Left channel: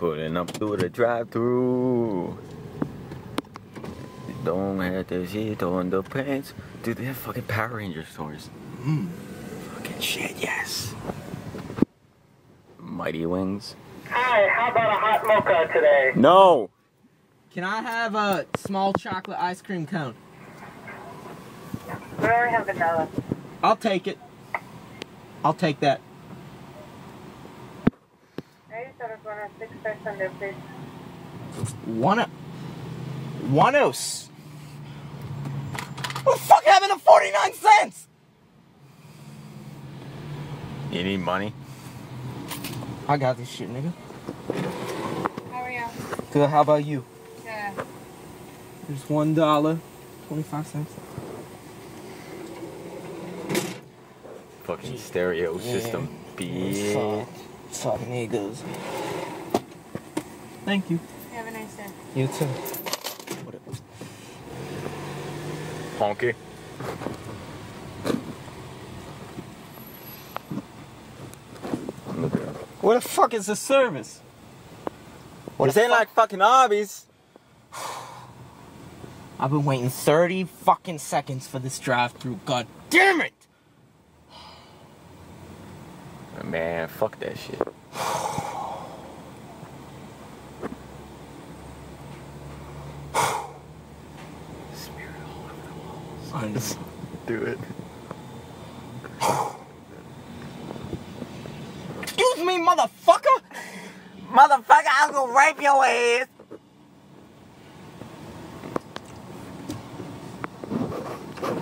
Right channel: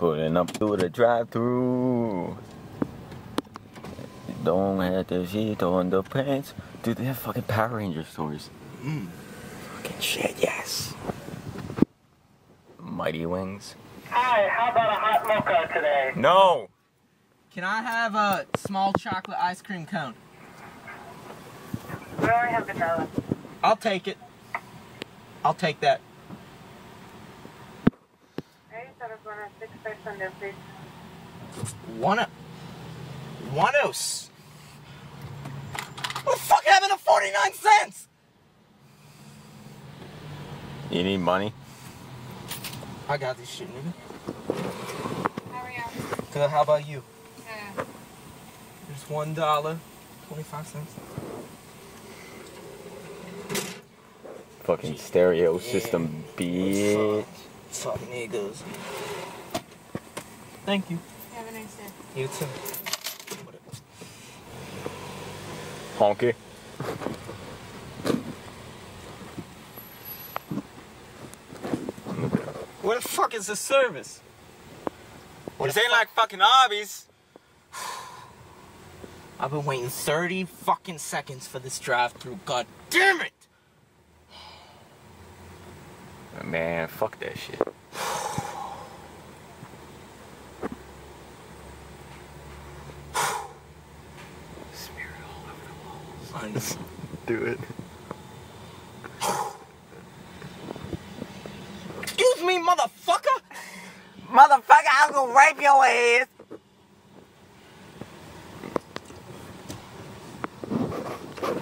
Pulling up through the drive-thru. Don't have the sheet on the pants. Dude, they have fucking Power Ranger stores. Fucking shit, yes. Mighty Wings. Hi, how about a hot mocha today? No! Can I have a small chocolate ice cream cone? We only have vanilla. I'll take it. I'll take that. 8746 please. One else. What the fuck happened to 49 cents? You need money? I got this shit, nigga. How are you? Good, how about you? Yeah. There's $1.25. Fucking stereo system, bitch. Fucking niggas. Thank you. Have a nice day. You too. Honky. Look at him. Where the fuck is the service? This ain't like fucking Arby's. I've been waiting 30 fucking seconds for this drive-thru. God damn it! Man, fuck that shit. Smear it all over the walls. Do it. Excuse me, motherfucker! Motherfucker, I'm gonna rape your ass.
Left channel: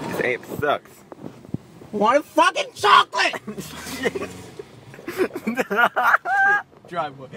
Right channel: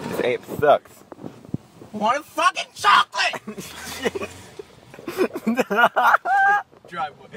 This ape sucks. Want fucking chocolate! Driveway.